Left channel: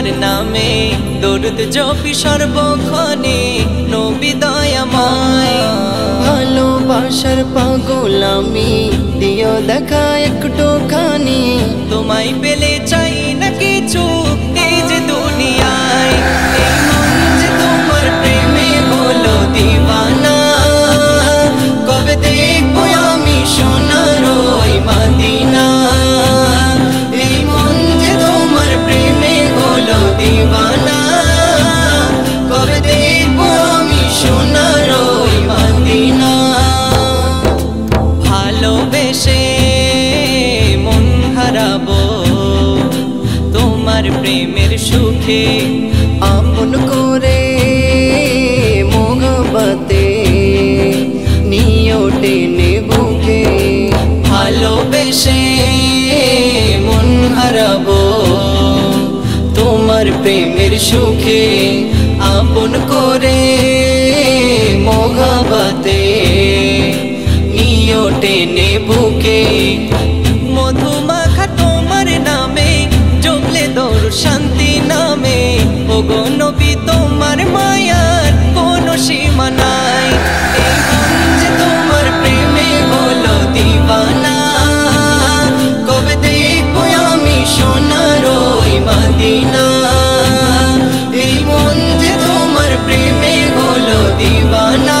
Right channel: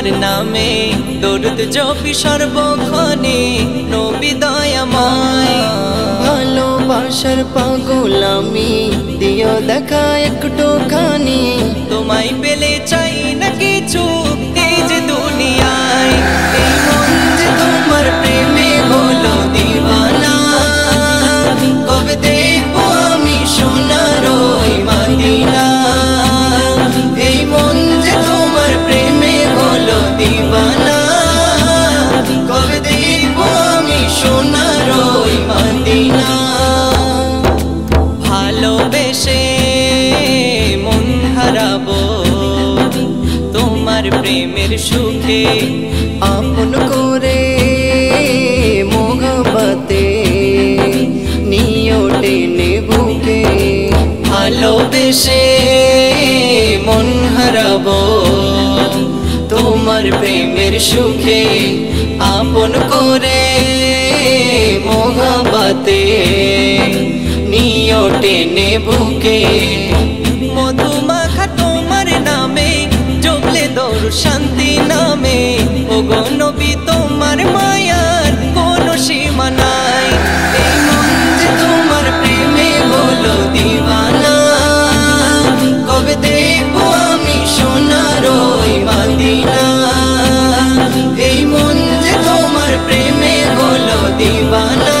তোমার নামে দরুদ জপি সর্বক্ষণে নবী দয়াময়। ভালোবাসার পাগল আমি, দিও দেখা একটুখানি। তোমায় পেলে চাই না কিছু এই যে দুনিয়ায়। এই মন যে তোমার প্রেমে হলো দিওয়ানা, কবে দেখবো আমি সোনার ওই মদিনা। এই মন যে তোমার প্রেমে হলো দিওয়ানা, কবে দেখবো আমি সোনার ওই মদিনা। ভালোবেসে মন হারাবো তোমার প্রেমের সুখে, আপন করে মোহব্বতে নিও টেনে বুকে। ভালোবেসে মন হারাবো তোমার প্রেমের সুখে, আপন করে মোহব্বতে নিও টেনে বুকে। মধুমাখা তোমার নামে জপলে দৌড় শান্তি নামে, ওগো নবী তোমার মায়ার কোনো সীমা নাই। এই মন যে তোমার প্রেমে হলো দিওয়ানা, কবে দেখবো আমি সোনার ওই মদিনা। এই মন যে তোমার প্রেমে হলো দিওয়ানা,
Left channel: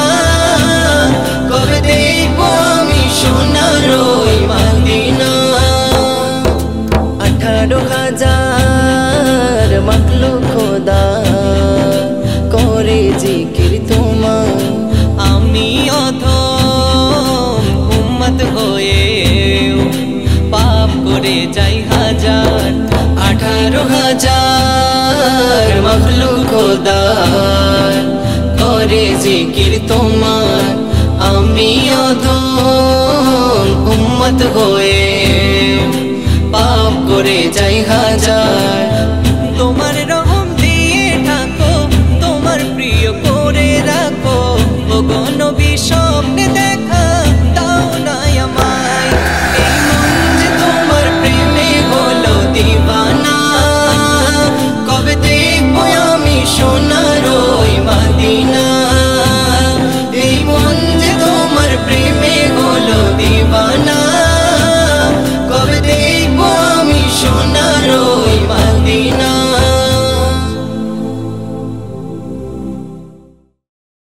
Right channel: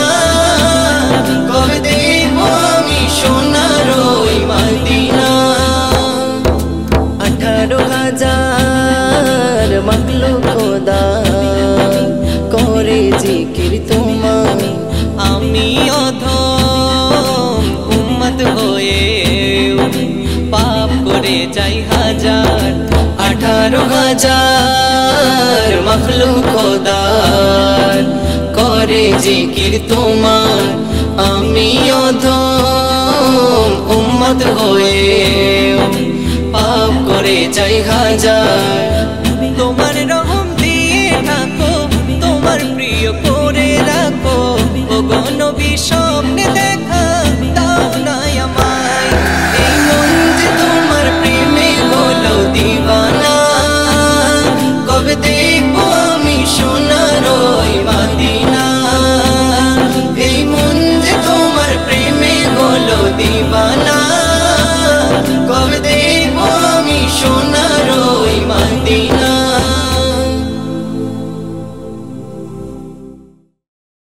কবে দেখবো আমি সোনার ওই মদিনা। 18,000 মাখলুক খোদা করে জিকির তোমার। আমি অধম উম্মত হয়েও পাপ করে যাই হাজার। 18,000 মখলুক খোদার করে জিকির তোমার। আমি অধম উম্মত হয়েও পাপ করে যাই হাজার। তোমার রহম দিয়ে ঢাকো, তোমার প্রিয় করে রাখো, ওগো নবী স্বপ্নে